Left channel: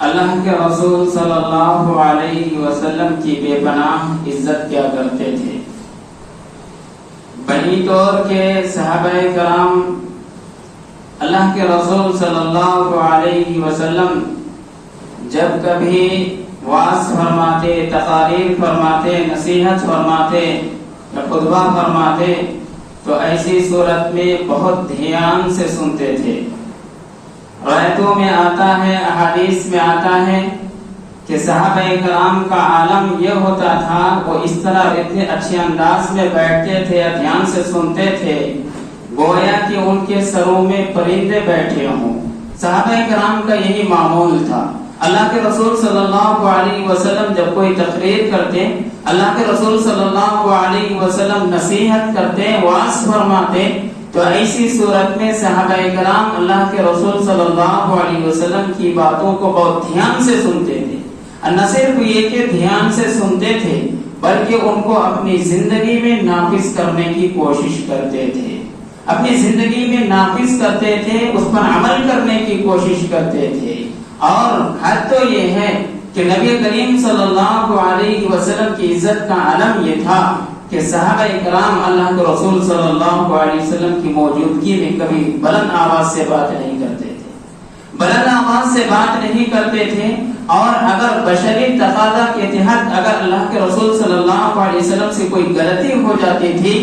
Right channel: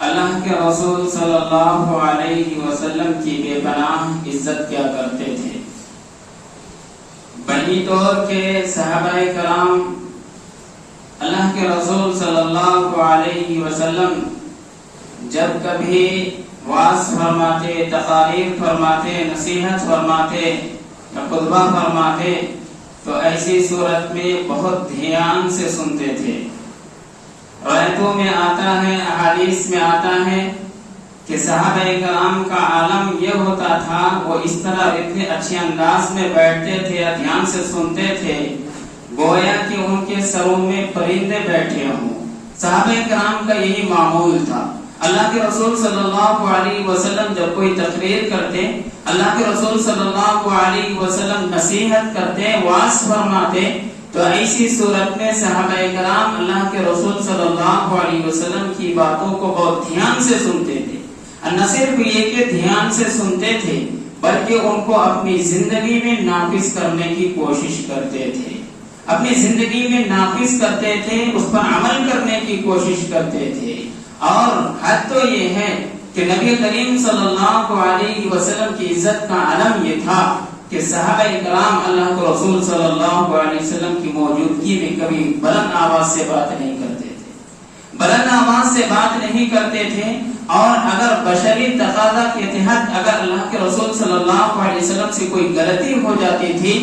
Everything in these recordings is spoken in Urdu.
اللہ کے رسول صلی اللہ علیہ وسلم کی بے پناہ عزت کیا کرتے تھے۔ بنی دور کے صحابہ کرام اللہ کے رسول صلی اللہ علیہ وسلم جب کبھی وعظ فرماتے، تقاریر فرماتے، نصیحت فرماتے یا خطبہ فرماتے تو ایسی صورت میں بہت دھیان سے سنتے تھے۔ روایتوں میں آتا ہے، احادیث میں آتا ہے کہ صحابہ کرام کا عالم یہ ہوتا تھا، وہ اس طرح اتنے اچھے انداز میں بیٹھتے تھے، دھیان سے سنتے تھے گویا کہ ان کے سروں میں پرندے بیٹھے ہوں۔ صحابہ کرام کا یہی معمول تھا۔ اللہ کے رسول صلی اللہ علیہ وسلم جب کوئی تقریر کرتے، اللہ کے رسول صلی اللہ علیہ وسلم نصیحت کرتے، وعظ فرماتے تو ایسی صورت میں صحابہ کرام اللہ کے رسول صلی اللہ علیہ وسلم کی باتوں کو بہت دھیان سے سنتے تھے۔ نہ صرف یہ کہ دھیان سے سنتے تھے بلکہ ان کو اپنی زندگی میں نافذ کرنے کی کوشش کرتے تھے، اپنی زندگی میں نافذ کرتے تھے، اس پر عمل کرنے کی کوشش کرتے تھے۔ اور حد تو یہ ہے کہ نبی کریم صلی اللہ علیہ وسلم کی عزت کا علم یہ تھا کہ صحابہ کرام اللہ کے رسول صلی اللہ علیہ وسلم کی موجودگی میں کبھی بلند آواز سے بات نہیں کرتے تھے، بلند آواز سے بات نہیں کرتے تھے۔ اور اگر بشری تقاضا کے تحت اگر اللہ کے رسول صلی اللہ علیہ وسلم سے کوئی غلطی ہو جاتی تھی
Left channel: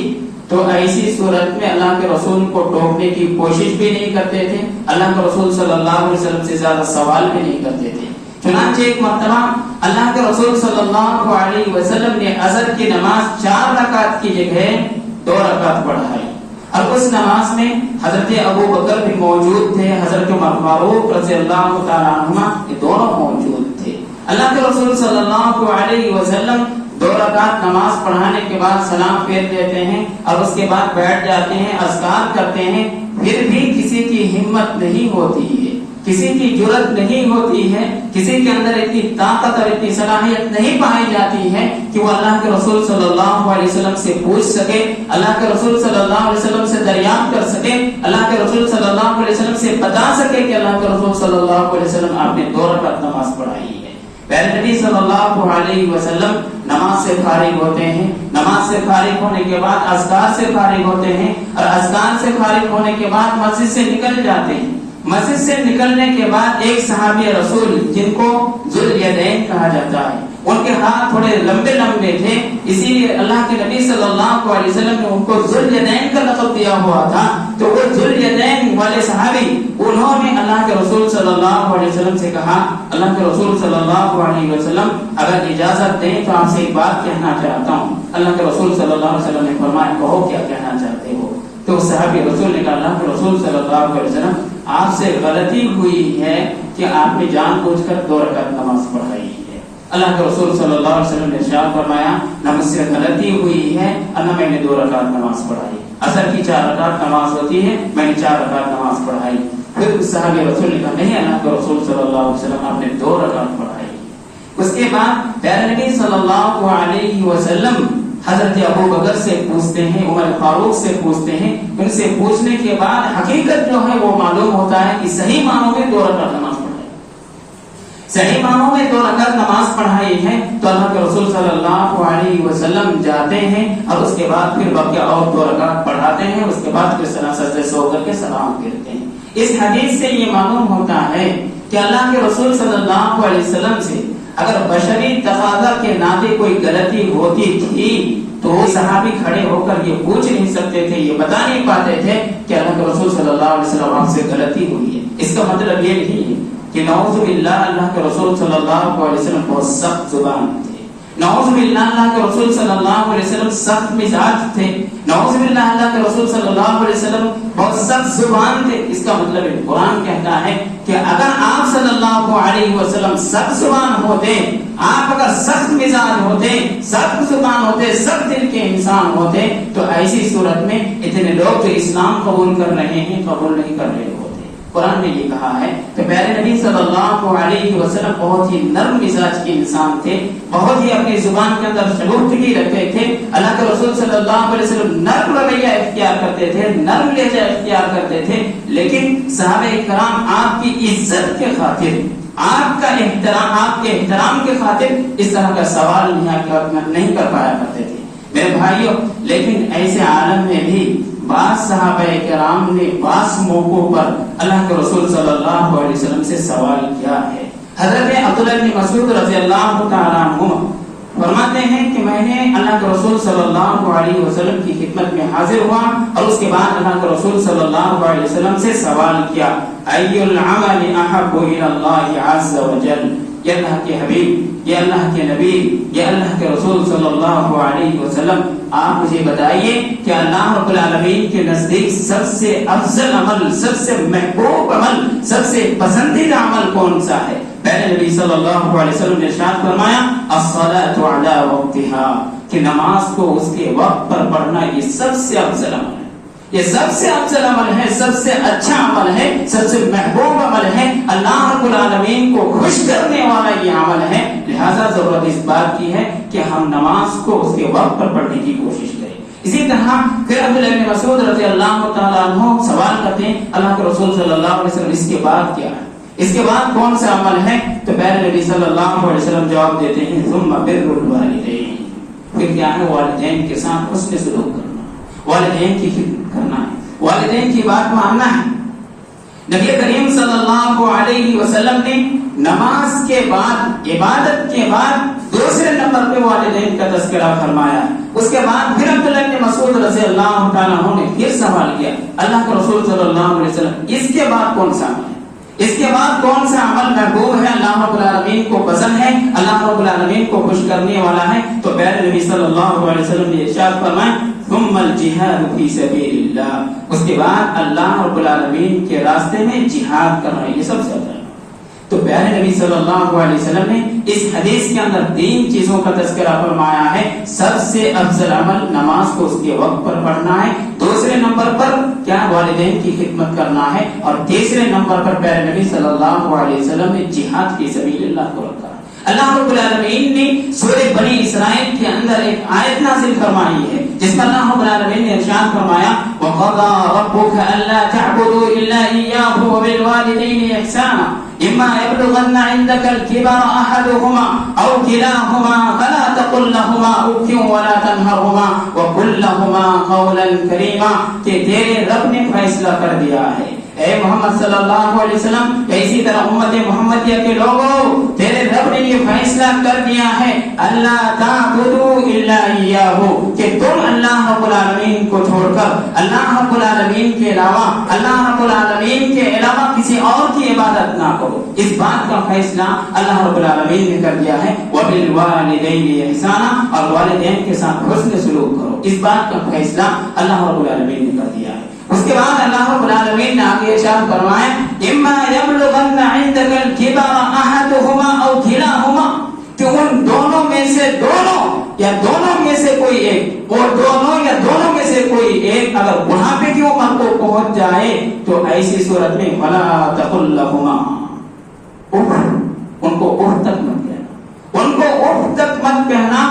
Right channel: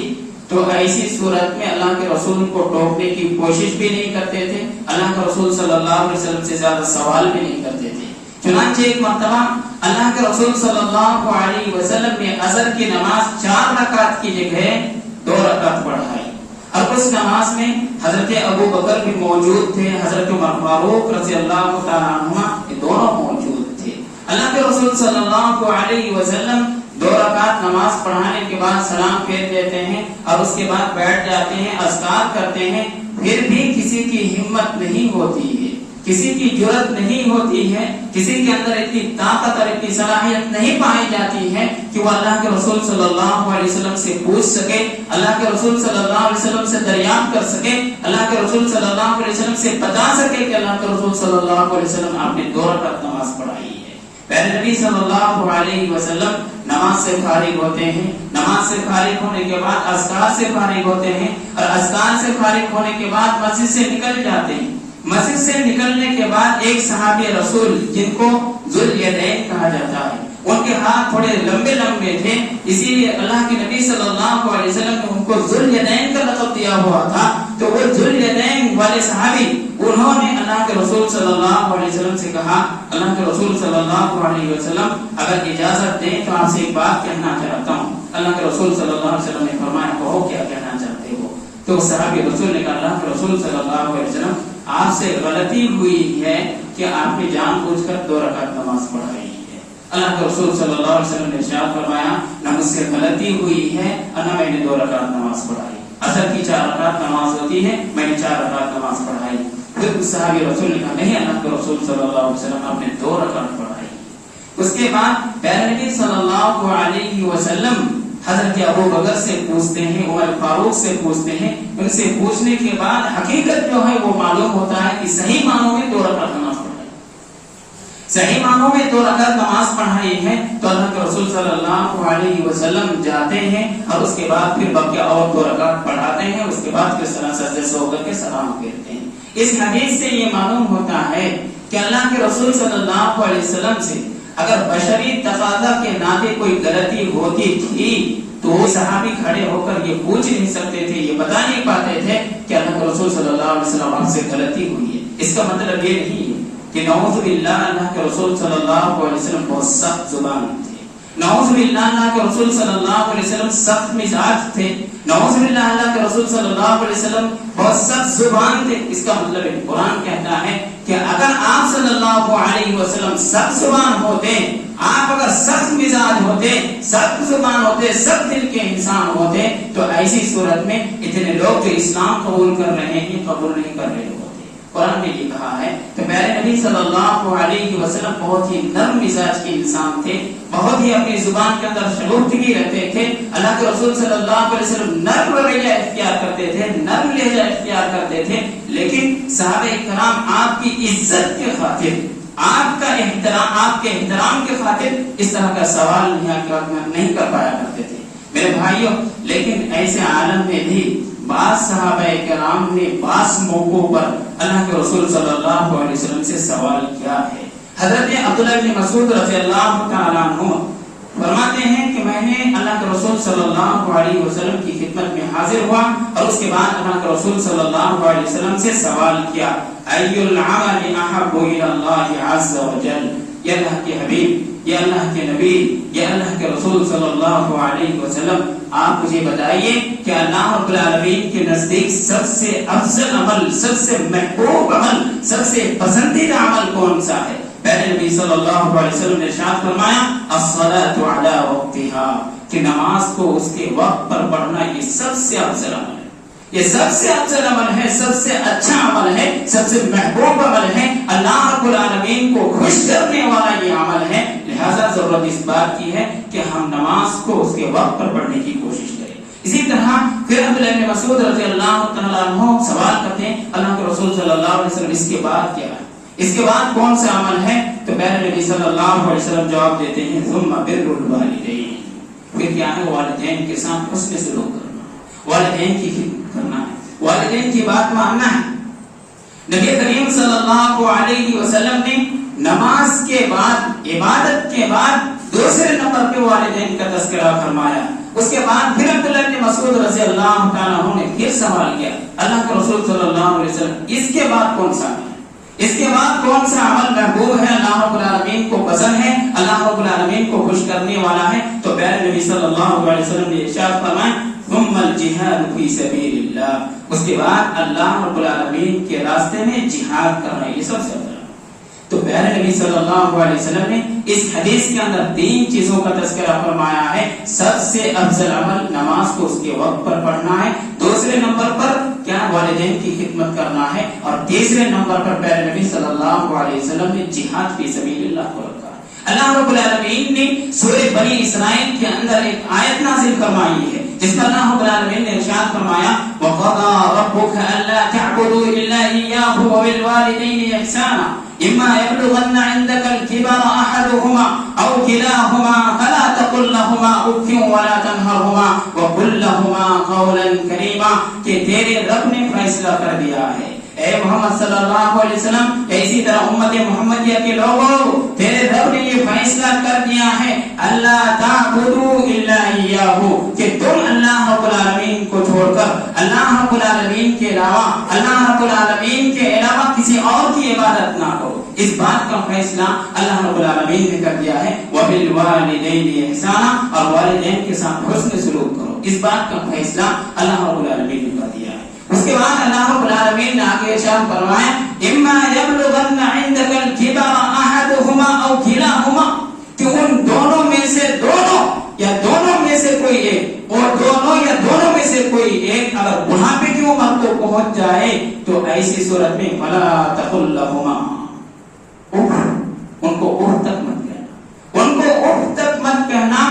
تو ایسی صورت میں اللہ کے رسول کو ٹوکنے کی کوشش بھی نہیں کرتے تھے، اللہ کے رسول صلی اللہ علیہ وسلم سے زیادہ سوال بھی نہیں کرتے تھے۔ چنانچہ ایک مرتبہ اللہ کے رسول صلی اللہ علیہ وسلم نے عصر کی نماز 4 رکعت کی جگہ 2 رکعت پڑھائی، اور اس نماز میں حضرت ابو بکر بھی موجود تھے، حضرت عمر فاروق رضی اللہ تعالی عنہما یہ دونوں موجود تھے۔ اللہ کے رسول صلی اللہ علیہ وسلم 2 رکعت نماز پڑھانے کے بعد سلام پھیر دیتے ہیں اور اس کے بعد بیٹھ جاتے ہیں، اذکار کرتے ہیں۔ پھر بھی کسی کی ہمت نہیں ہوتی ہے، کسی کی جرأت نہیں ہوتی ہے، کسی کے اندر اتنی طاقت اور اتنی صلاحیت نہیں پائی جاتی ہے کہ وہ اللہ کے رسول صلی اللہ علیہ وسلم سے پوچھ سکے، اللہ کے رسول صلی اللہ علیہ وسلم سے دریافت کر سکے، اللہ کے رسول صلی اللہ علیہ وسلم سے بتا سکے کہ اللہ کے رسول صلی اللہ علیہ وسلم آپ نے 2 رکعت نماز پڑھائی ہے۔ پیارے نبی صلی اللہ علیہ وسلم نماز سے فارغ ہوتے ہیں، نماز سے فارغ ہونے کے بعد اذکار سے فارغ ہوتے ہیں، اور اذکار سے فارغ ہونے کے بعد مسجد سے نکل جاتے ہیں۔ مسجد سے نکلنے کے بعد ایک صحابی رسول جن کو ذوالیدین کہا جاتا ہے، ان کے ہاتھ تھوڑے لمبے لمبے تھے، اسی لیے اللہ کے نبی صلی اللہ علیہ وسلم نے ان کو ذوالیدین کا لقب دیا ہوا تھا۔ تو وہ ذوالیدین والے صحابی انہوں نے اللہ کے رسول صلی اللہ علیہ وسلم سے کہا، اللہ کے رسول صلی اللہ علیہ وسلم اگر اجازت دیں تو آپ سے ایک بات کہنا چاہتا ہوں۔ اللہ کے رسول صلی اللہ علیہ وسلم نے فرمایا کہو کیا کہنا چاہتے ہو؟ تو صحابی رسول نے کہا اللہ کے رسول صلی اللہ علیہ وسلم آپ سے غلطی ہوئی ہے کہ آپ نے جان بوجھ کر 2 رکعت نماز پڑھائی ہے۔ اللہ کے رسول صلی اللہ علیہ وسلم نے ارشاد فرمایا نہ مجھ سے غلطی ہوئی ہے اور نہ میں نے 2 رکعت نماز پڑھائی، عصر کی 4 رکعت نماز ہوتی ہے، میں نے 4 رکعت نماز پڑھائی۔ پھر صحابی رسول نے کہا نہیں اللہ کے رسول صلی اللہ علیہ وسلم آپ نے 2 رکعت پڑھائی۔ اس کے بعد پیارے نبی صلی اللہ علیہ وسلم حضرت ابو بکر سے پوچھتے ہیں، عمر فاروق سے پوچھتے ہیں، ان سے پوچھنے کے بعد حقیقت جو ہے وہ معلوم ہوتا ہے کہ صحیح معنوں میں 2 رکعت نماز پڑھائی، صحیح معنوں میں 2 رکعت نماز پڑھائی ہے۔ تو اللہ کے رسول صلی اللہ علیہ وسلم جاتے ہیں اور اس کے بعد پھر باقی اور 2 رکعت پڑھاتے ہیں، اس کے بعد پھر سجدے سے ہو کر کے سلام پھیرتے ہیں۔ اس حدیث سے یہ معلوم ہوتا ہے کہ اللہ کے رسول صلی اللہ علیہ وسلم سے اگر بشری تقاضا کے ناطے کوئی غلطی ہوتی تھی تو وہ صحابی کھڑے ہو کر یہ پوچھ نہیں سکتے تھے، یہ بتا نہیں پاتے تھے کہ اللہ کے رسول صلی اللہ علیہ وسلم آپ سے غلطی ہوئی ہے۔ اس کا مطلب یہ نہیں ہے کہ نعوذ باللہ اللہ کے رسول صلی اللہ علیہ وسلم بہت سخت زبان تھے، نعوذ باللہ اللہ کے رسول صلی اللہ علیہ وسلم سخت مزاج تھے، نعوذ باللہ اللہ کے رسول صلی اللہ علیہ وسلم بہت سخت زبان تھے. اس کا مطلب ہے قرآن کہتا ہے کہ اگر آپ صلی اللہ علیہ وسلم سخت زبان ہوتے, آپ اگر سخت مزاج ہوتے, سخت زبان ہوتے, سخت دل کے انسان ہوتے, تو ایسی صورت میں اتنے لوگ جو اسلام قبول کر رہے ہیں قبول نہیں کر رہے ہوتے. قرآن نے یہ کہا ہے کہ پیارے نبی صلی اللہ علیہ وسلم بہت ہی نرم مزاج کے انسان تھے, بہت ہی اپنی زبان کے اندر شگفتگی رکھتے تھے. اللہ کے رسول صلی اللہ علیہ وسلم نرم رویہ اختیار کرتے تھے, نرم لہجہ اختیار کرتے تھے. لیکن صحابہ کرام آپ کی عزت کے خاطر, آپ کا احترام, آپ کے احترام کے خاطر اس طرح کا سوال نہیں کر پایا کرتے تھے میرے بھائیوں. لیکن ایسے عالم میں بھی بعض صحابہ کرام نے بعض موقعوں پر اللہ کے رسول صلی اللہ علیہ وسلم سے سوال کیا ہے. حضرت عبداللہ بن مسعود رضی اللہ تعالیٰ عنہ فرماتے ہیں کہ میں نے اللہ کے رسول صلی اللہ علیہ وسلم کی خدمت میں حاضر ہوا اور اس کے بعد اللہ کے رسول صلی اللہ علیہ وسلم سے سوال کیا, ای العمل احب الی اللہ عز وجل. یا اللہ کے حبیب, یا اللہ کے نبی, یا اللہ کے رسول صلی اللہ علیہ وسلم, آپ مجھے بتائیے کہ اللہ رب العالمین کے نزدیک سب سے افضل عمل, سب سے محبوب عمل, سب سے پسندیدہ عمل کون سا ہے؟ پہلے نبی صلی اللہ علیہ وسلم نے ارشاد فرمایا الصلاۃ علی وقتها, کہ نماز کو اس کے وقت پر پڑھنا یہ سب سے افضل عمل ہے, یہ سب سے افضل عمل ہے, سب سے اچھا عمل ہے, سب سے محبوب عمل ہے, اللہ رب العالمین کو خوش کرنے والا یہ عمل ہے. لہذا ضرورت اس بات کی ہے کہ ہم نماز کو اس کے وقت پر پڑھنے کی کوشش کریں. اسی طرح پھر عبداللہ بن مسعود رضی اللہ تعالیٰ عنہ سوال کرتے ہیں اللہ کے رسول صلی اللہ علیہ وسلم اس کے بعد کیا ہے, اس کے بعد کون سا عمل ہے؟ تو پہلے نبی صلی اللہ علیہ وسلم جواب دیتے ہیں ثم بر الوالدین, پھر کیا ہے؟ والدین کے ساتھ حسن سلوک کرنا, والدین کی خدمت کرنا ہے, والدین کی بات ماننا ہے. نبی کریم صلی اللہ علیہ وسلم نے نماز کے بعد, عبادت کے بعد دوسرے نمبر پہ والدین کا تذکرہ فرمایا. اس کے بعد پھر عبداللہ بن مسعود رضی اللہ تعالیٰ عنہ نے پھر سوال کیا اللہ کے رسول صلی اللہ علیہ وسلم اس کے بعد کون سا عمل ہے, اس کے بعد کون سا عمل محبوب ہے, اللہ رب العالمین کو پسند ہے, اللہ رب العالمین کو خوش کرنے والا ہے؟ تو پیارے نبی صلی اللہ علیہ وسلم نے ارشاد فرمایا ثم الجہاد فی سبیل اللہ, اس کے بعد اللہ رب العالمین کے راستے میں جہاد کرنا, یہ سب سے افضل. تو پیارے نبی صلی اللہ علیہ وسلم نے اس حدیث کے اندر 3 چیزوں کا تذکرہ فرمایا ہے. سب سے افضل عمل نماز کو اس کے وقت پر پڑھنا ہے, دوسرے نمبر پر کیا والدین کی خدمت کرنا ہے, اور تیسرے نمبر پر پیارے نبی صلی اللہ علیہ وسلم نے جہاد فی سبیل اللہ کو رکھا. اللہ رب العالمین نے سورہ بنی اسرائیل کے اندر ایک آیت نازل فرمائی ہے جس میں اللہ رب العالمین نے ارشاد فرمایا وَقَضَىٰ رَبُّكَ أَلَّا تَعْبُدُوا إِلَّا إِيَّاهُ وَبِالْوَالِدَيْنِ إِحْسَانًا إِمَّا يَبْلُغَنَّ عِندَكَ الْكِبَرَ أَحَدُهُمَا أَوْ كِلَاهُمَا فَلَا تَقُل لَّهُمَا أُفٍّ وَلَا تَنْهَرْهُمَا وَقُل لَّهُمَا قَوْلًا كَرِيمًا, کہ تیرے رب نے فیصلہ کر دیا ہے اے محمد صلی اللہ علیہ وسلم, اسی طرح امت محمدیہ کے لوگوں تیرے رب نے یہ فیصلہ کر دیا ہے اللہ تعبدوا الا اياه, کہ تم اللہ رب العالمین کو چھوڑ کر اللہ رب العالمین کے علاوہ, اللہ رب العالمین کے علاوہ کسی اور کی عبادت نہ کرو. اس بات کا فیصلہ اللہ رب العالمین نے کر دیا ہے وبالوالدین احسانا, اور والدین کے ساتھ حسن سلوک کرو. اس بات کا فیصلہ اللہ رب العالمین نے کر دیا ہے. اس کے بعد اللہ رب العالمین نے آگے ارشاد فرمایا اما یبلغن عندک الکبر احدهما او کلاهما, کہ ان دونوں میں سے دونوں یا دونوں میں سے کوئی ایک, اور دونوں یا دونوں میں سے کوئی ایک اگر بڑھاپے کی عمر کو پہنچ جائے تو ایسی صورت میں فلا تقل لهما, ان کو اف تک مت کہنا, ان کو اف تک مت کہنا,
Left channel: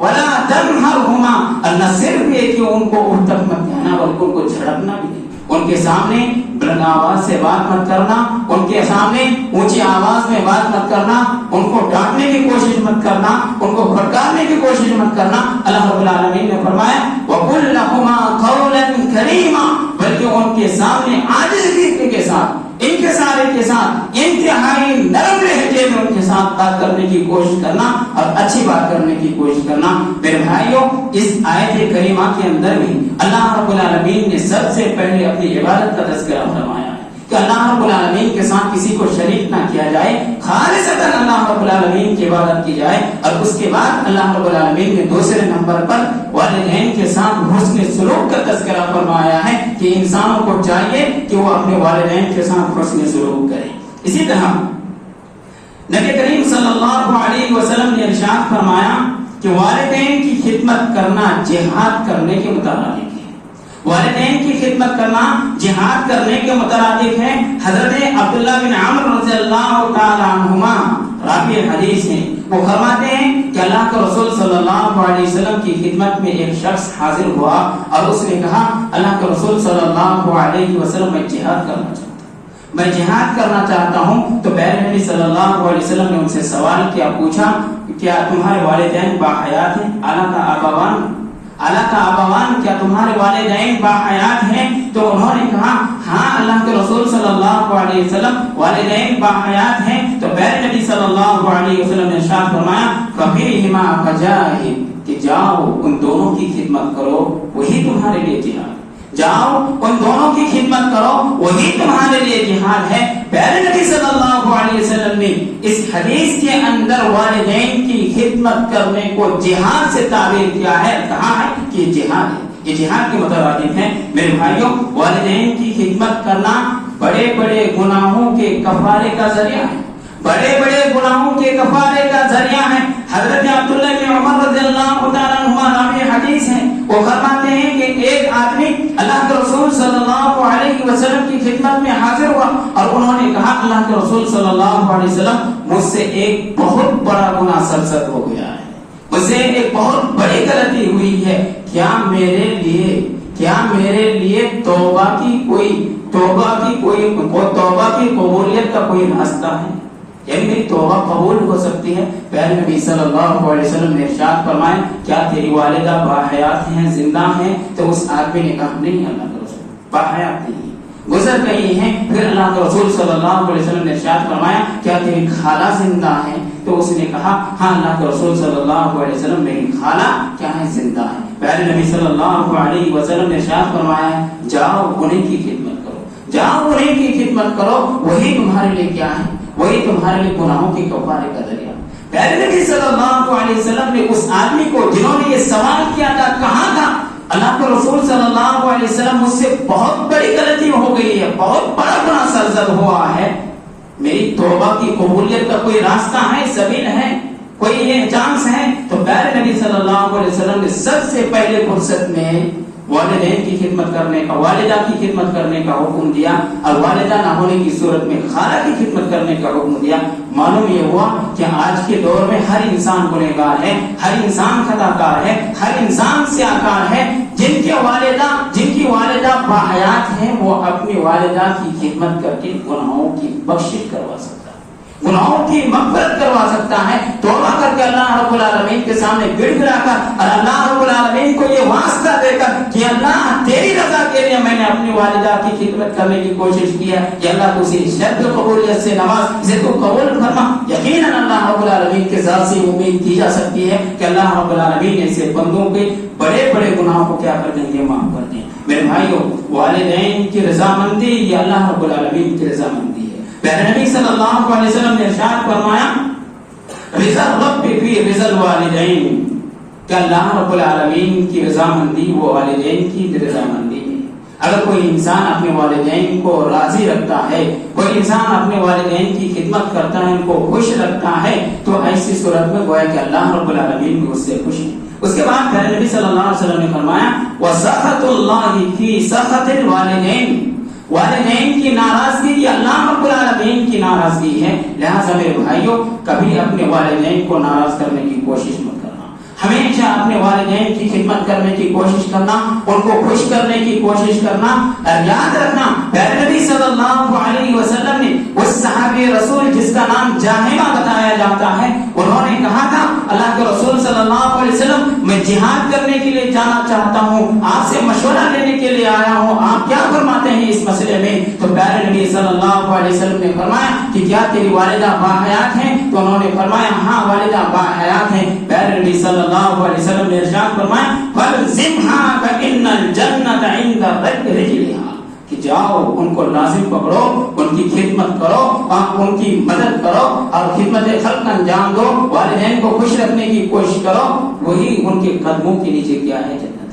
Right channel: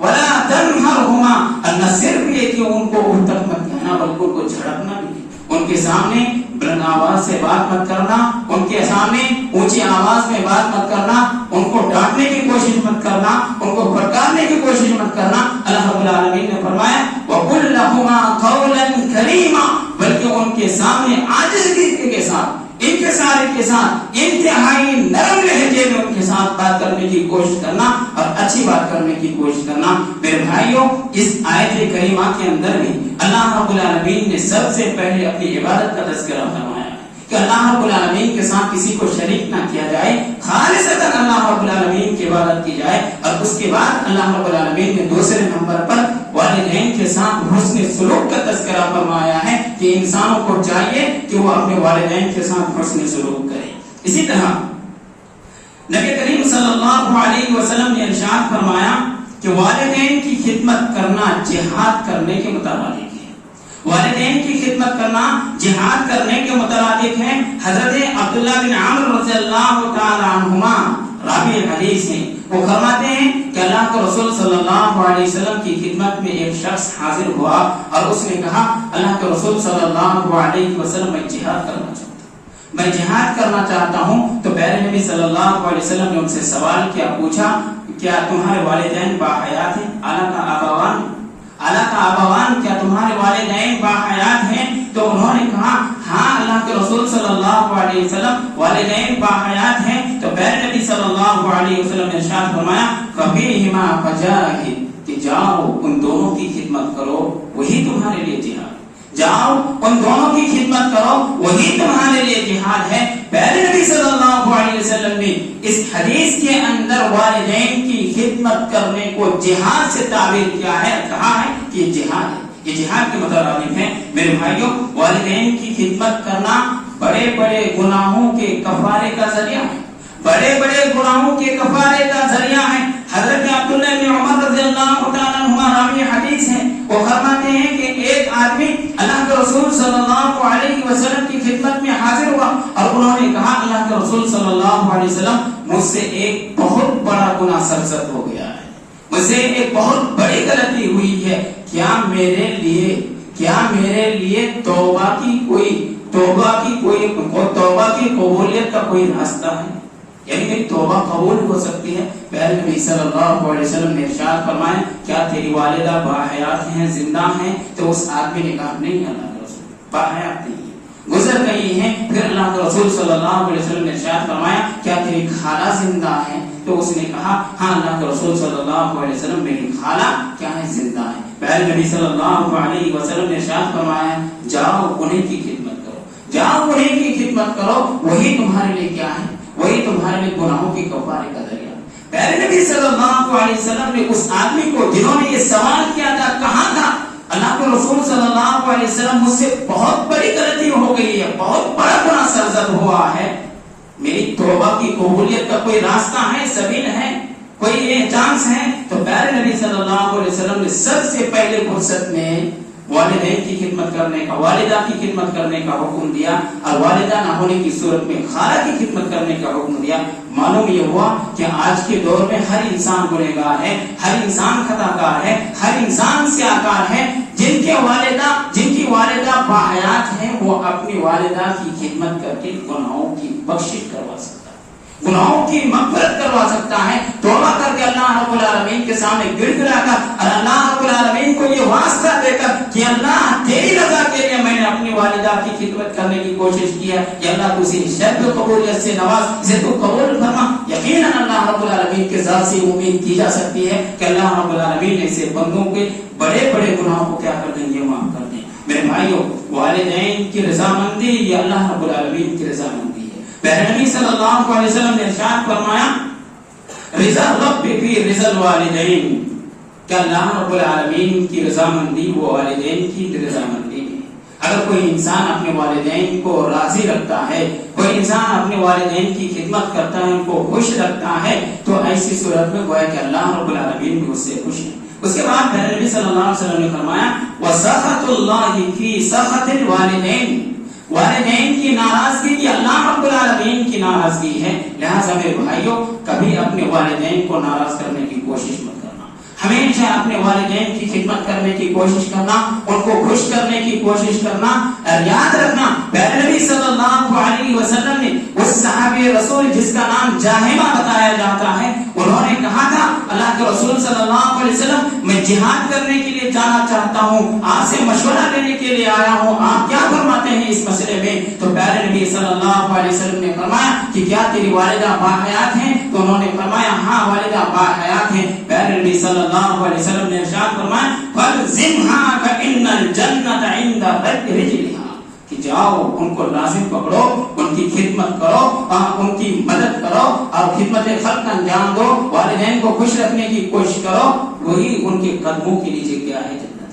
ولا تنهرهما, نہ صرف یہ کہ ان کو اف تک مت کہنا بلکہ ان کو جھڑکنا بھی, ان کے سامنے بلند آواز سے بات مت کرنا, ان کے سامنے اونچی آواز میں بات مت کرنا, ان کو ڈانٹنے کی کوشش مت کرنا, ان کو بھڑکانے کی کوشش مت کرنا. اللہ رب العالمین نے فرمایا وَقُلْ لَهُمَا قَوْلًا كَرِيمًا, بلکہ ان کے سامنے عاجزی کے ساتھ, انکسار کے ساتھ, انتہائی نرم لہجے میں ان کے ساتھ بات کرنے کی کوشش کرنا اور اچھی بات کرنے کی کوشش کرنا. میرے بھائیوں, اس آیت کریمہ کے اندر بھی اللہ رب العالمین نے سب سے پہلے اپنی عبادت کا تذکرہ فرمایا. کہ اللہ رب العالمین کے ساتھ کسی کو شریک نہ کیا جائے، خالصتاً اللہ رب العالمین کی عبادت کی جائے. اور اس کے بعد اللہ رب العالمین نے دوسرے نمبر پر والدین کے ساتھ حسن سلوک کا تذکرہ فرمایا ہے کہ انسانوں کو چاہیے کہ وہ اپنے والدین کے ساتھ حسن سلوک کریں. اسی طرح نبی کریم صلی اللہ علیہ وسلم نے ارشاد فرمایا کہ والدین کی خدمت کرنا جہاد کرنے کے مترادف ہے. والدین کی خدمت کرنا جہاد کرنے کے مترادف ہے. حضرت عبداللہ بن عمرو رضی اللہ تعالی عنہما راوی حدیث ہیں، وہ فرماتے ہیں کہ اللہ کے رسول صلی اللہ علیہ وسلم کی خدمت میں ایک شخص حاضر ہوا اور اس نے کہا اللہ کے رسول صلی اللہ علیہ وسلم میں جہاد کرنا چاہتا ہوں، میں جہاد کرنا چاہتا ہوں. تو پہلے نبی صلی اللہ علیہ وسلم نے ان سے سوال کیا، پوچھا کیا تمہارے والدین باحیات ہیں؟ اعلیٰ کا آباوان کیا تمہارے والدین باحیات ہیں؟ تو انہوں نے کہا ہاں اللہ کے رسول صلی اللہ علیہ وسلم والدین باحیات ہیں. تو پہلے نبی صلی اللہ علیہ وسلم نے ارشاد فرمایا فَفِيهِمَا فَجَاهِدْ کہ جاؤ ان دونوں کی خدمت کرو، وہی تمہارے لیے جہاد. جاؤ ان دونوں کی خدمت کرو، وہی تمہارے لیے جہاد ہے. پہلے نبی صلی اللہ علیہ وسلم نے اس حدیث کے اندر والدین کی خدمت کرنے کو جہاد سے تعبیر کیا ہے، کہا ہے کہ یہ جہاد ہے، یہ جہاد کے مترادف ہے. میرے بھائیوں، والدین کی خدمت کرنا بڑے بڑے گناہوں کے کفارے کا ذریعہ ہے، بڑے بڑے گناہوں کے کفارے کا ذریعہ ہے. حضرت عبداللہ بن عمر رضی اللہ تعالی عنہما راوی حدیث ہیں، وہ فرماتے ہیں کہ ایک آدمی اللہ کے رسول صلی اللہ علیہ وسلم کی خدمت میں حاضر ہوا اور انہوں نے کہا اللہ کے رسول صلی اللہ علیہ وسلم مجھ سے ایک بہت بڑا گناہ سرزد ہو گیا ہے، مجھ سے ایک بہت بڑی غلطی ہوئی ہے، کیا میرے لیے توبہ کی قبولیت کا کوئی راستہ ہے؟ یعنی کہ توبہ قبول ہو سکتی ہے؟ پہلے نبی صلی اللہ علیہ وسلم نے ارشاد فرمایا کیا تیری والدہ باحیات ہیں، زندہ ہیں؟ تو اس آدمی نے کہا نہیں اللہ کے رسول باحیات نہیں، گزر گئی ہیں. پھر اللہ کے رسول صلی اللہ علیہ وسلم نے ارشاد فرمایا کیا تیری خالہ زندہ ہے؟ تو اس نے کہا ہاں اللہ کے رسول صلی اللہ علیہ وسلم میری خالہ کیا ہے، زندہ ہے. پہلے نبی صلی اللہ علیہ وسلم نے ارشاد فرمایا جاؤ انہیں کی خدمت کرو، جاؤ انہیں کی خدمت کرو، وہی تمہارے لیے کیا ہے، وہی تمہارے لیے گناہوں کے کفارے کا ذریعہ. پہلے نبی صلی اللہ علیہ وسلم نے اس آدمی کو جنہوں نے یہ سوال کیا تھا کہا تھا اللہ کے رسول صلی اللہ علیہ وسلم مجھ سے بہت بڑی غلطی ہو گئی ہے، بہت بڑا گناہ سرزد ہوا ہے، میری توبہ کی قبولیت کا کوئی راستہ ہے، سبیل ہے، کوئی یہ چانس ہے؟ تو پہلے نبی صلی اللہ علیہ وسلم نے سب سے پہلے فرصت میں والدین کی خدمت کرنے کا، والدہ کی خدمت کرنے کا حکم دیا اور والدہ نہ ہونے کی صورت میں خالہ کی خدمت کرنے کا حکم دیا. معلوم یہ ہوا کہ آج کے دور میں ہر انسان گنہگار ہے، ہر انسان خطا کار ہے، ہر انسان سیاہکار ہے. جن کی والدہ باحیات ہیں وہ اپنی والدہ کی خدمت کر کے گناہوں کی بخشش کروا سکتا ہے، گناہوں کی مغفرت کروا سکتا ہے. توبہ کر کے اللہ رب العالمین کے سامنے گر گرا کر اور اللہ رب العالمین کو یہ واسطہ دے کر کہ اللہ تیری رضا کے لیے میں نے اپنی والدہ کی خدمت کرنے کی کوشش کی ہے، کہ اللہ تو اسے شد قبولیت سے نواز، اسے تو قبول فرما. یقیناً اللہ رب العالمین کے ذات سے امید کی جا سکتی ہے کہ اللہ رب العالمین ایسے بندوں کے بڑے بڑے گناہوں کو کیا کر دیں گے، معاف کر دیں. میرے بھائیوں، والدین کی رضامندی یہ اللہ رب العالمین کی رضامندی ہے. پہلے نبی صلی اللہ علیہ وسلم نے ارشاد فرمایا رضا رب فی رضا الوالدین کہ اللہ رب العالمین کی رضامندی وہ والدین کی رضامندی ہے. اگر کوئی انسان اپنے والدین کو راضی رکھتا ہے، کوئی انسان اپنے والدین کی خدمت کرتا ہے، ان کو خوش رکھتا ہے، تو ایسی صورت میں گویا کہ اللہ رب العالمین بھی اس سے خوش ہے. اس کے بعد پہلے نبی صلی اللہ علیہ وسلم نے فرمایا وَسَخَطُ اللَّهِ فِي سَخَطِ الْوَالِدَيْنِ والدین کی ناراضگی یہ اللہ رب العالمین کی ناراضگی ہے. لہٰذا میرے بھائیوں کبھی اپنے والدین کو ناراض کرنے کی کوشش مت کرنا، ہمیشہ اپنے والدین کی خدمت کرنے کی کوشش کرنا، ان کو خوش کرنے کی کوشش کرنا. اور یاد رکھنا پہلے نبی صلی اللہ علیہ وسلم نے اس صحابی رسول جس کا نام جاہمہ بتایا جاتا ہے، انہوں نے کہا تھا اللہ کے رسول صلی اللہ علیہ وسلم میں جہاد کرنے کے لیے جانا چاہتا ہوں، آپ سے مشورہ لینے کے لیے آیا ہوں، آپ کیا فرماتے ہیں اس مسئلے میں؟ تو پیارے نبی صلی اللہ علیہ وسلم نے فرمایا کہ کیا تیری والدہ باحیات ہیں؟ تو انہوں نے فرمایا ہاں والدہ باحیات ہیں. پیارے نبی صلی اللہ علیہ وسلم نے ارشاد فرمایا فَلْزِمْهَا كَإِنَّ الْجَنَّةَ عِنْدَ رِجْلِهَا کہ جاؤ ان کو لازم پکڑو، ان کی خدمت کرو، ان کی مدد کرو اور خدمت خلق انجام دو، والدین کو خوش رکھنے کی کوشش کرو، وہی ان کے قدموں کے نیچے کیا ہے؟ جنت ہے۔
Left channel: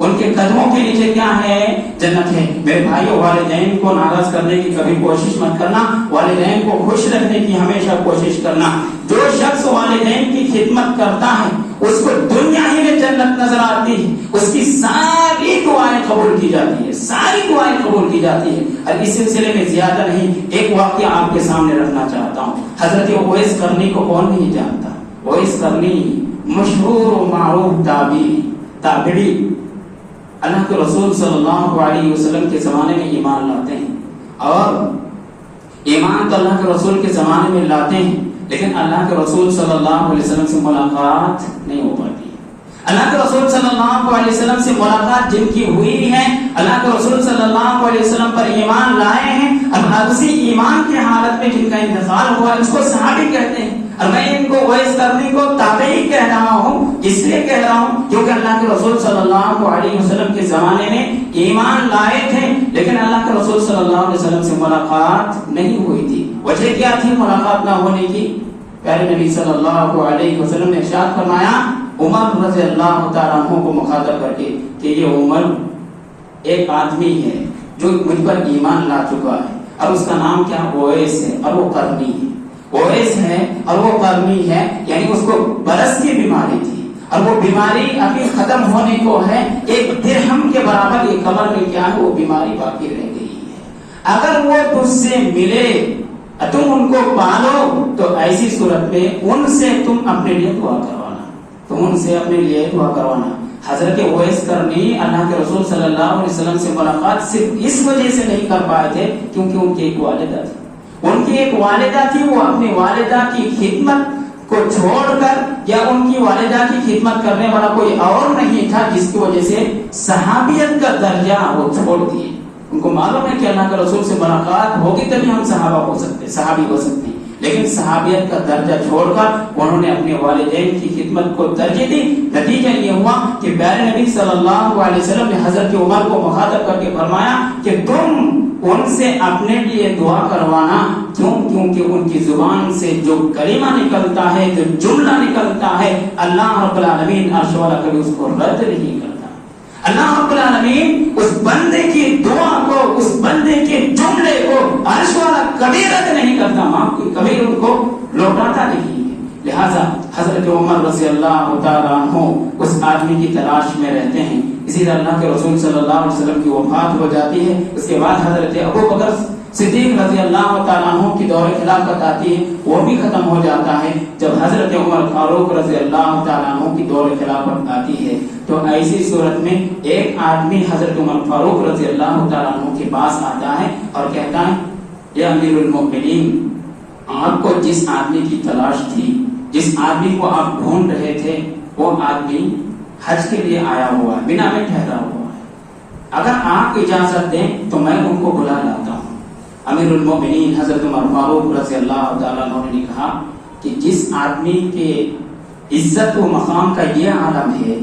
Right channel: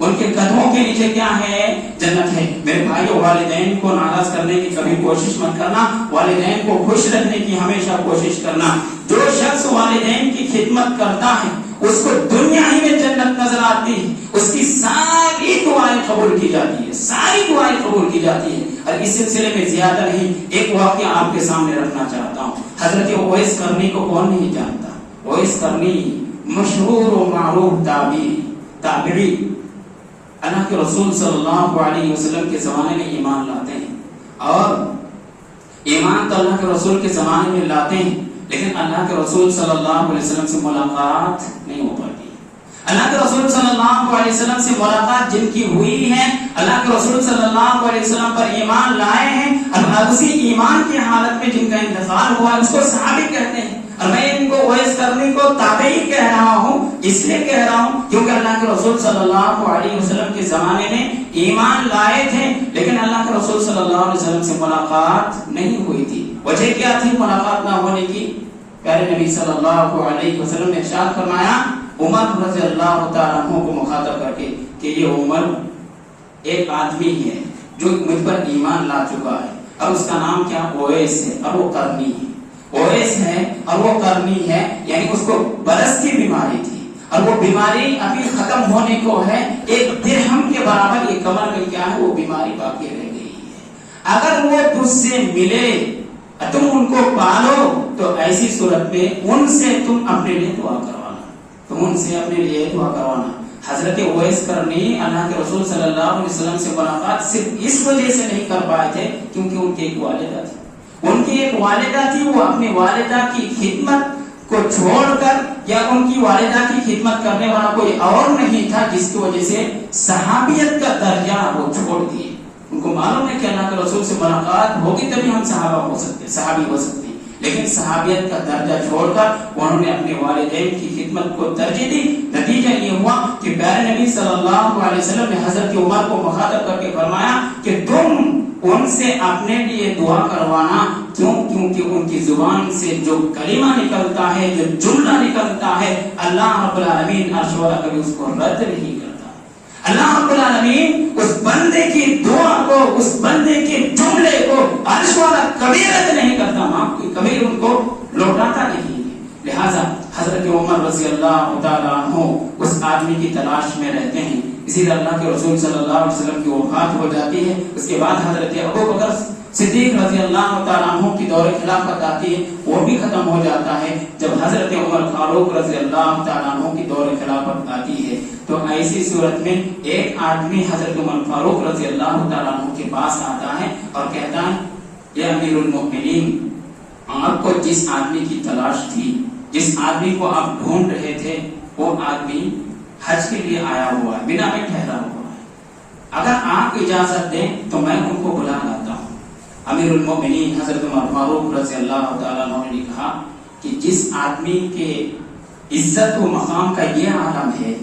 ان کے قدموں کے نیچے کیا ہے؟ جنت ہے۔ میرے بھائیو، والدین کو ناراض کرنے کی کبھی کوشش مت کرنا، والدین کو خوش رکھنے کی ہمیشہ کوشش کرنا۔ جو شخص والدین کی خدمت کرتا ہے اس کو دنیا ہی میں جنت نظر آتی ہے، اس کی ساری دعائیں قبول کی جاتی ہے، ساری دعائیں قبول کی جاتی ہے۔ اور اس سلسلے میں زیادہ نہیں، ایک واقعہ آپ کے سامنے رکھنا چاہتا ہوں۔ حضرت اویس قرنی کو کون نہیں جانتا؟ اویس قرنی مشہور و معروف تابعی، اللہ کے رسول صلی اللہ علیہ وسلم کے زمانے میں ایمان لاتے ہیں، اور ایمان تو اللہ کے رسول کے زمانے میں لاتے ہیں، لیکن اللہ کے رسول صلی اللہ علیہ وسلم سے ملاقات نہیں ہو پاتی۔ اللہ کے رسول صلی اللہ علیہ وسلم سے ملاقات جن کی ہوئی ہے، اللہ کے رسول صلی اللہ علیہ وسلم پر ایمان لائے ہیں، اور اسی ایمان کی حالت میں جن کا انتقال ہوا اس کو صحابی کہتے ہیں۔ اور میں ان کو اویس قرنی کو تابعی کہہ رہا ہوں، اس لیے کہہ رہا ہوں کیونکہ اللہ کے رسول صلی اللہ علیہ وسلم کے زمانے میں ایمان لائے تھے، لیکن اللہ کے رسول صلی اللہ علیہ وسلم سے ملاقات نہیں ہوئی تھی۔ وجہ کیا تھی ملاقات نہ ہونے کی؟ پیارے نبی صلی اللہ علیہ وسلم نے ارشاد فرمایا عمر رضی اللہ تعالیٰ عنہ کو مخاطب کر کے کہ یہ عمر ایک آدمی ہے جو مجھ پر ایمان لا چکا ہے، اور اس کا نام کیا؟ اویس ہے، اور وہ قرنی ہے۔ اویس ہے اور وہ قرنی ہے، یعنی اس کو برس کی بیماری تھی، اور وہ بیماری ابھی ختم ہونے کو ہے، ایک درہم کے برابر یہ کمر میں کیا ہے وہ بیماری باقی رہ گئی ہے۔ اگر وہ تجھ سے ملے، تم ان کو پالو، تو ایسی صورت میں ان سے تم اپنے لیے دعا کروانا، تم ان سے اپنے لیے دعا کروانا۔ حضرت اویس قرنی اللہ کے رسول صلی اللہ علیہ وسلم سے ملاقات صرف اس وجہ سے نہیں کر پائے تھے کیونکہ ان کی ایک والدہ تھی، ان کی ایک والدہ تھی، وہ اپنی والدہ کی خدمت کو چھوڑ کر، یا ان کی والدہ کی خدمت کرنے والا کوئی اور نہیں تھا جس کی وجہ سے صحابیت کا درجہ وہ چھوڑ دیے۔ ان کو معلوم ہے کہ اللہ کے رسول سے ملاقات ہوگی تبھی ہم صحابہ ہو سکتے، صحابی ہو سکتے ہیں، لیکن صحابیت کا درجہ چھوڑ کر انہوں نے اپنے والدین کی خدمت کو ترجیح دی۔ نتیجہ یہ ہوا کہ پیارے نبی صلی اللہ علیہ وسلم نے حضرت عمر کو مخاطب کر کے فرمایا کہ تم ان سے اپنے لیے دعا کروانا، کیوں؟ کیونکہ ان کی زبان سے جو کلمہ نکلتا ہے، جو جملہ نکلتا ہے، اللہ رب العالمین عرش والا کبھی اس کو رد نہیں کرتا۔ اللہ رب العالمین اس بندے کی دعا کو، اس بندے کے جملے کو عرش والا کبھی رد نہیں کرتا، کبھی ان کو لوٹاتا نہیں ہے۔ لہذا حضرت عمر رضی اللہ تعالیٰ عنہ اس آدمی کی تلاش میں رہتے ہیں، اسی طرح اللہ کے رسول صلی اللہ علیہ وسلم کی وفات ہو جاتی ہے۔ اس کے بعد حضرت ابو بکر صدیق رضی اللہ تعالیٰ عنہ کی دور خلافت آتی ہے، وہ بھی ختم ہو جاتا ہے جب حضرت عمر فاروق رضی اللہ تعالیٰ عنہ کی دور خلافت آتی ہے۔ تو ایسی صورت میں ایک آدمی حضرت عمر فاروق رضی اللہ تعالیٰ عنہ کے پاس آتا ہے اور کہتا ہے یا امیر المؤمنین، آپ کو جس آدمی کی تلاش تھی، جس آدمی کو آپ ڈھونڈ رہے تھے، وہ آدمی حج کے لیے آیا ہوا ہے، بنا میں ٹھہرا ہوا ہے، اگر آپ اجازت دیں تو میں ان کو بلا لاتا ہوں۔ امیر المؤمنین حضرت عمر فاروق رضی اللہ تعالیٰ عنہ نے کہا کہ جس آدمی کے عزت و مقام کا یہ عالم ہے،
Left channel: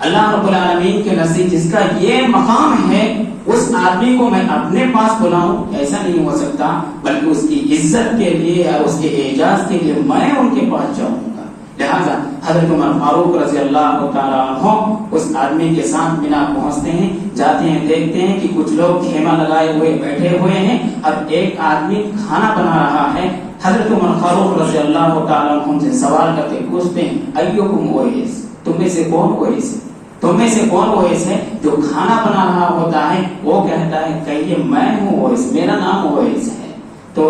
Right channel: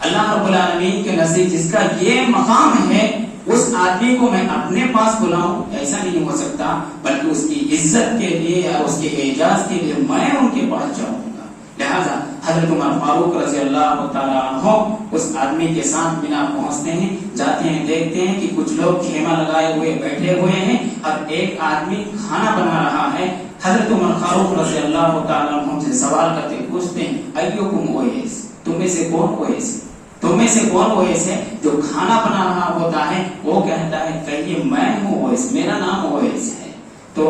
اللہ رب العالمین کے نزدیک جس کا یہ مقام ہے، اس آدمی کو میں اپنے پاس بلاؤں، ایسا نہیں ہو سکتا، بلکہ اس کی عزت کے لیے اور اس کے اعزاز کے لیے میں ان کے پاس جاؤں گا۔ لہذا حضرت عمر فاروق رضی اللہ تعالیٰ عنہ اس آدمی کے ساتھ بنا پہنچتے ہیں، جاتے ہیں، دیکھتے ہیں کہ کچھ لوگ خیمہ لگائے ہوئے بیٹھے ہوئے ہیں اور ایک آدمی کھانا بنا رہا ہے۔ حضرت عمر فاروق رضی اللہ تعالیٰ عنہ سے سوال کرتے پوچھتے ہیں ایوکم اویس، تم میں سے کون اویس ہے؟ تم میں سے کون اویس ہے جو کھانا بنا رہا ہوتا ہے؟ وہ کہتا ہے کہیے میں ہوں اویس، میرا نام اویس ہے۔ تو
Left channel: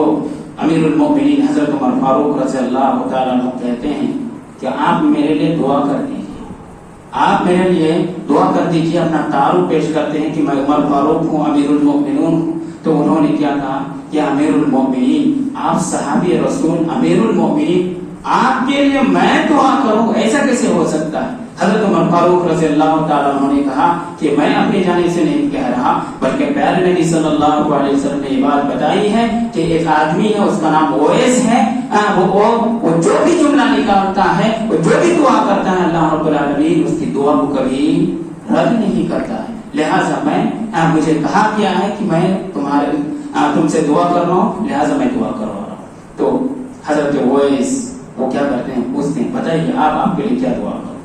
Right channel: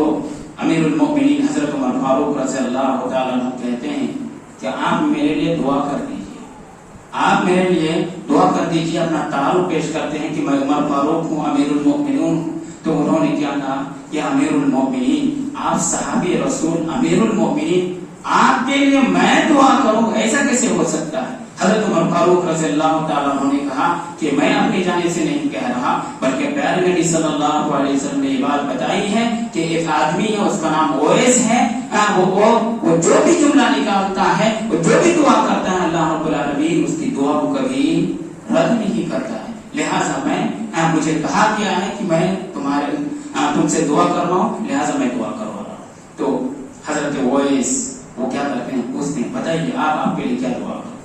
امیر المؤمنین حضرت عمر فاروق رضی اللہ تعالیٰ عنہ کہتے ہیں کہ آپ میرے لیے دعا کر دیجیے، آپ میرے لیے دعا کر دیجیے، اپنا تعارف پیش کرتے ہیں کہ میں عمر فاروق ہوں، امیر المؤمنین ہوں۔ تو انہوں نے کیا کہا کہ امیر المؤمنین، آپ صحابی رسول امیر المؤمنین، آپ کے لیے میں دعا کروں، ایسا کیسے ہو سکتا ہے؟ حضرت عمر فاروق رضی اللہ تعالیٰ عنہ نے کہا کہ میں اپنی جانب سے نہیں کہہ رہا، بلکہ پیارے نبی صلی اللہ علیہ وسلم نے یہ بات بتائی ہے کہ ایک آدمی ہے، اس کا نام اویس ہے، وہ جو بھی جملہ نکالتا ہے، وہ جو بھی دعا کرتا ہے، اللہ رب العالمین اس کی دعا کو کبھی رد نہیں کرتا ہے۔ لہٰذا مجھے کہا گیا ہے کہ میں تم سے دعا کر رہا ہوں، لہٰذا میں دعا کروا رہا ہوں۔ تو حضرت اویس وہ کیا کرتے ہیں، پوچھتے ہیں بتائیے آپ کے لیے کیا دعا کروں،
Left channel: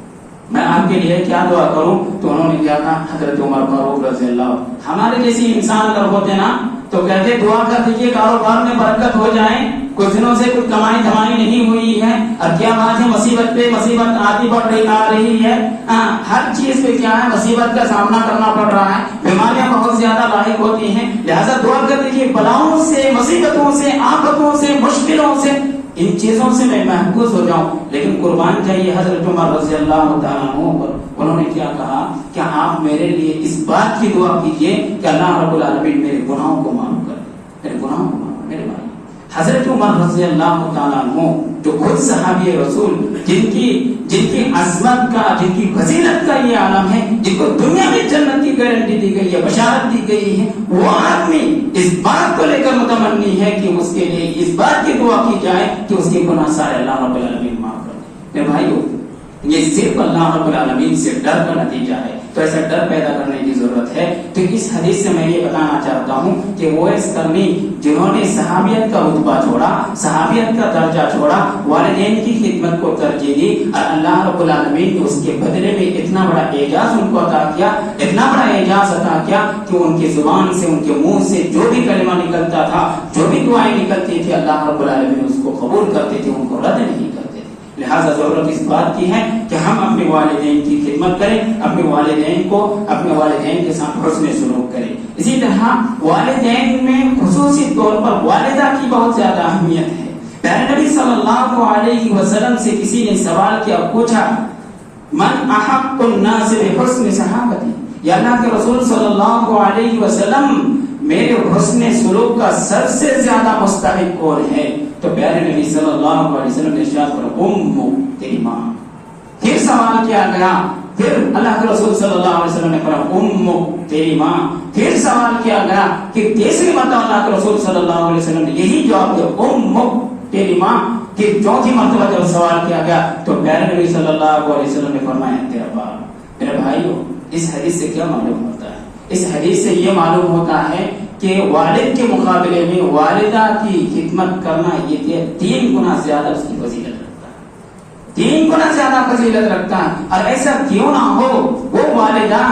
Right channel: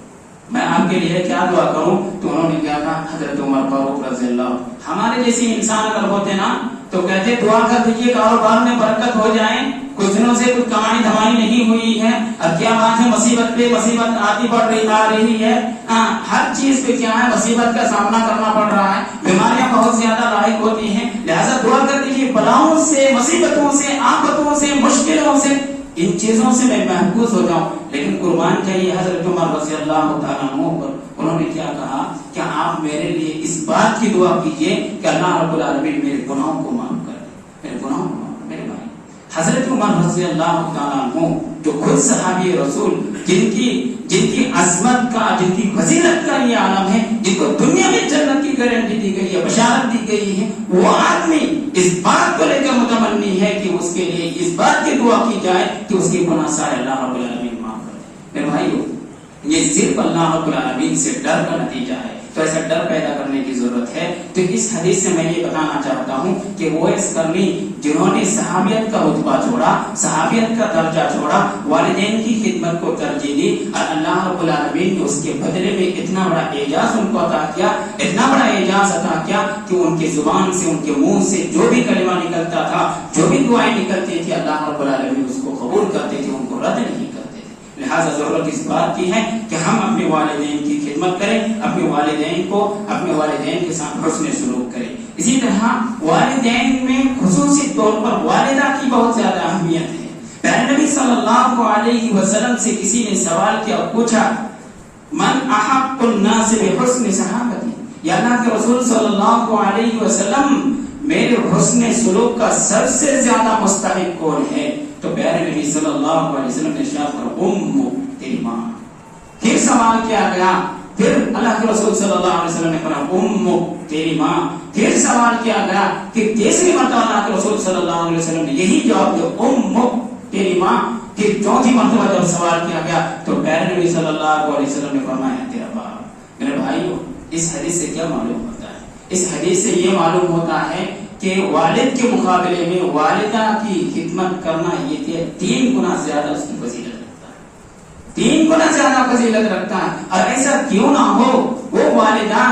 میں آپ کے لیے کیا دعا کروں؟ تو انہوں نے کیا کہا، حضرت عمر فاروق رضی اللہ عنہ، ہمارے جیسے انسان اگر ہوتے نا تو کہتے دعا کر دیجیے کاروبار میں برکت ہو جائے، کچھ دنوں سے کچھ کمائی دھمائی نہیں ہوئی ہے، اور کیا بات ہے مصیبت پہ مصیبت آتی بڑھ رہی آ رہی ہے، ہر چیز پہ کیا ہے مصیبت کا سامنا کرنا پڑ رہا ہے، بیماریاں بہت زیادہ لاحق ہوتی ہیں، لہذا دعا کر دیجیے بلاؤں سے، مصیبتوں سے، آفتوں سے، مشکلوں سے، ان چیزوں سے میں محفوظ ہو جاؤں۔ لیکن قربان چاہیے حضرت عمر رضی اللہ تعالیٰ عنہ پر، انہوں نے کیا کہا کہ آپ میرے لیے اس بات کی دعا کیجئے کہ اللہ رب العالمین میرے گناہوں کو معاف کر، میرے گناہوں کو معاف۔ میرے بھائی حضرت عمر رضی اللہ تعالیٰ عنہ جو خود صحابی رسول، جن کی عظمت کا، جن کی فضیلت کا یہ عالم ہے، جن کو دنیا میں جنت کی گارنٹی دی گئی ہے، بشارت دی گئی ہے، وہ آدمی اس بات کو لے کر متمنی ہے کہ اس کے لیے اس بات کی دعا کی جائے کہ اس کے گناہ سارے اللہ رب العالمین معاف کر دے۔ میرے بھائیو یہ صرف اللہ رب العالمین سے ڈر کا نتیجہ ہے، تو ایسا ڈر پیدا کرنے کی ضرورت ہے۔ تو اس حدیث سے میں یہ بتانا چاہتا ہوں کہ وہ اس کرنی جنہوں نے صحابیت کا رتبہ چھوڑا، صحابیت کا درجہ چھوڑا، والدین کی خدمت کو ترجیح دی، اور اللہ رب العالمین نے اس کے بدلے میں اتنا بڑا اعزاز ان کو عطا کیا، اتنا بڑا اعزاز عطا کیا کہ ان کی زبان سے، ان کے منہ سے جو بھی کلمہ نکلتا تھا، جو بھی دعائیں نکلتی تھی، اللہ رب العالمین اس کو قبول کرتے تھے، ان کو رد نہیں کرتے۔ لہذا ضرورت اس بات کی ہے کہ ہم اپنے والدین کی خدمت کریں، اپنے والدین کے ساتھ حسن سلوک کریں۔ اسی طرح والدین میں خصوصی طور پر والدہ کی بہت زیادہ اہمیت ہے۔ پیارے نبی صلی اللہ علیہ وسلم سے کسی نے سوال کیا، پوچھا من احق الناس بحسن صحابتی، یا اللہ کے رسول صلی اللہ علیہ وسلم میرے حسن سلوک کا سب سے زیادہ مستحق کون ہے؟ تو پیارے نبی صلی اللہ علیہ وسلم نے ارشاد فرمایا تیری ماں۔ پھر سوال کیا گیا، پھر اللہ کے رسول صلی اللہ علیہ وسلم نے فرمایا تیری ماں۔ پھر سوال کیا گیا کہ تیسری مرتبہ اللہ کے رسول صلی اللہ علیہ وسلم نے یہی جواب دیا تیری ماں۔ پھر چوتھی مرتبہ جب سوال کیا گیا تو پیارے نبی صلی اللہ علیہ وسلم نے فرمایا تیرا باپ۔ میرے بھائیو اس حدیث سے کیا معلوم ہوتا ہے؟ اس حدیث سے یہ معلوم ہوتا ہے کہ والد کے مقابلے میں والدہ کی خدمت کرنا یہ 3 گنا زیادہ اس کی فضیلت رکھتا ہے، 3 گنا زیادہ فضیلت رکھتا ہے۔ اور ایسا کیوں نہ ہو، وہ والدہ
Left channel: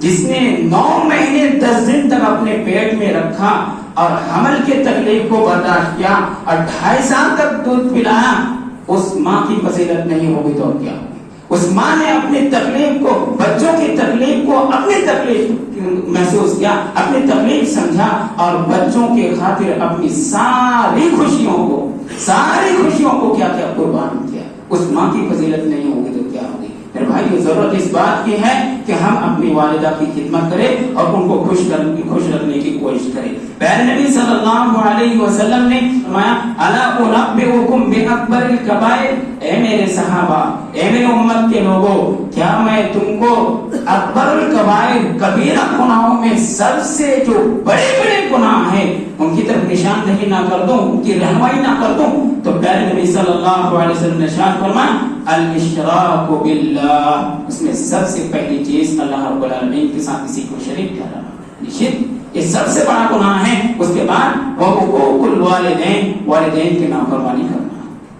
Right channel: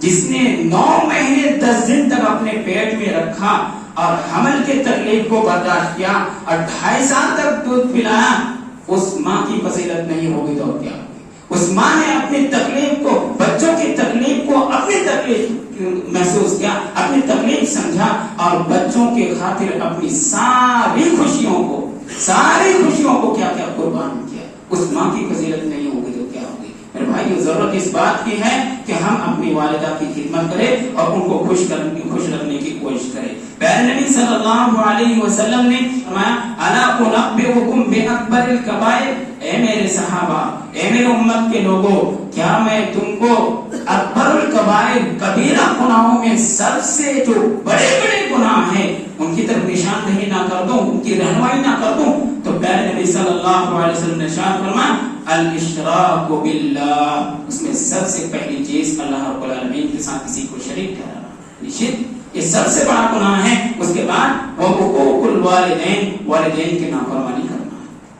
جس نے 9 مہینے 10 دن تک اپنے پیٹ میں رکھا اور حمل کے تکلیف کو برداشت کیا اور 2.5 سال تک دودھ پلایا، اس ماں کی فضیلت نہیں ہوگی تو کیا ہوگی؟ اس ماں نے اپنی تکلیف کو، بچوں کی تکلیف کو اپنی تکلیف محسوس کیا، اپنی تکلیف سمجھا، اور بچوں کے خاطر اپنی ساری خوشیوں کو کیا قربان کیا۔ اس ماں کی فضیلت نہیں ہوگی تو کیا ہوگی؟ میرے بھائی ضرورت اس بات کی ہے کہ ہم اپنی والدہ کی خدمت کریں اور ان کو خوش رکھنے کی کوشش کریں۔ پیارے نبی صلی اللہ علیہ وسلم نے فرمایا الا انبئکم باکبر الکبائر، اے میرے صحابہ، اے میرے امت کے لوگوں، کیا میں تم کو اکبر الکبائر، کبیرہ گناہوں میں سب سے جو بڑے گناہ ہیں ان کی طرف نشاندہی نہ کر دوں، ان کی رہنمائی نہ کر دوں؟ تو پیارے نبی صلی اللہ علیہ وسلم نے ارشاد فرمایا الاشراک باللہ، اس میں سب سے پہلی چیز اللہ رب العالمین کے ساتھ کسی کو شریک ٹھہرانا، شرک یہ سب سے بڑا گناہ ہے۔ اس کے بعد حقوق الوالدین، والدین کی نافرمانی کرنا۔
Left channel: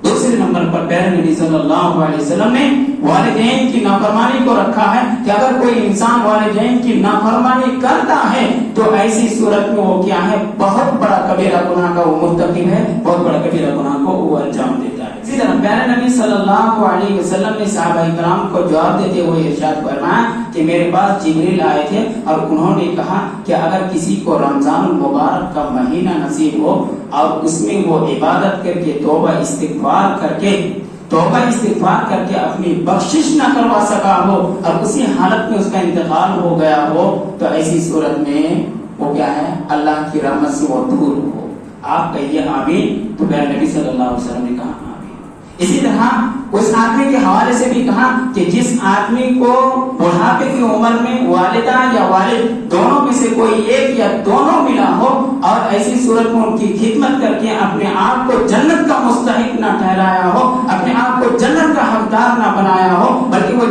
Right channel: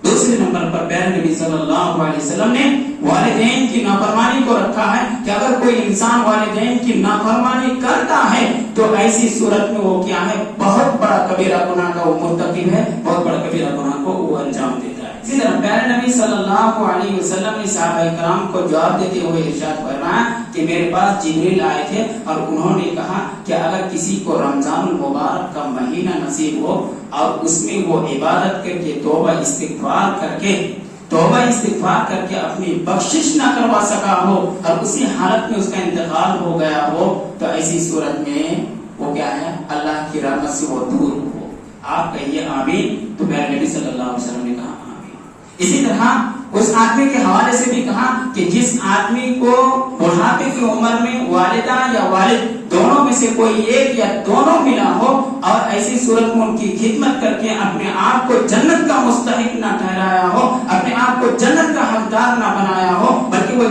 دوسرے نمبر پر پیارے نبی صلی اللہ علیہ وسلم نے والدین کی نافرمانی کو رکھا ہے کہ اگر کوئی انسان والدین کی نافرمانی کرتا ہے تو ایسی صورت میں وہ کیا ہے، بہت بڑا کبیرہ گناہ کا وہ مرتکب ہے، بہت بڑا کبیرہ گناہ کو وہ انجام دیتا ہے۔ اسی طرح پیارے نبی صلی اللہ علیہ وسلم نے صحابہ کرام کو جواب دیتے ہوئے ارشاد فرمایا کہ میرے پاس جبریل آئے تھے اور انہوں نے کہا کہ اگر کسی کو رمضان المبارک کا مہینہ نصیب ہو اور اس میں وہ عبادت کر کے توبہ استغفار کر کے اپنی بخشش نہ کروا سکا ہو اور اسی حالت میں اس کا انتقال ہو گیا ہو تو ایسی صورت میں وہ کیا ہے، اللہ کی رحمت سے وہ دور ہو۔ آپ کہیے آمین۔ تو میرے نبی صلی اللہ علیہ وسلم نے کہا آمین۔ اسی طرح اس آدمی کے حوالے سے بھی کہا کہ جس آدمی کو بڑھاپے کی عمر میں والدہ یا والد دونوں میں سے کوئی ایک یا دونوں ملا ہو اور ایسی صورت میں ان کی خدمت کر کے اپنے آپ کو جنت کا مستحق نہ ٹھہرایا ہو، اپنے آپ کو جنت کا حقدار نہ بنایا ہو، بلکہ وہ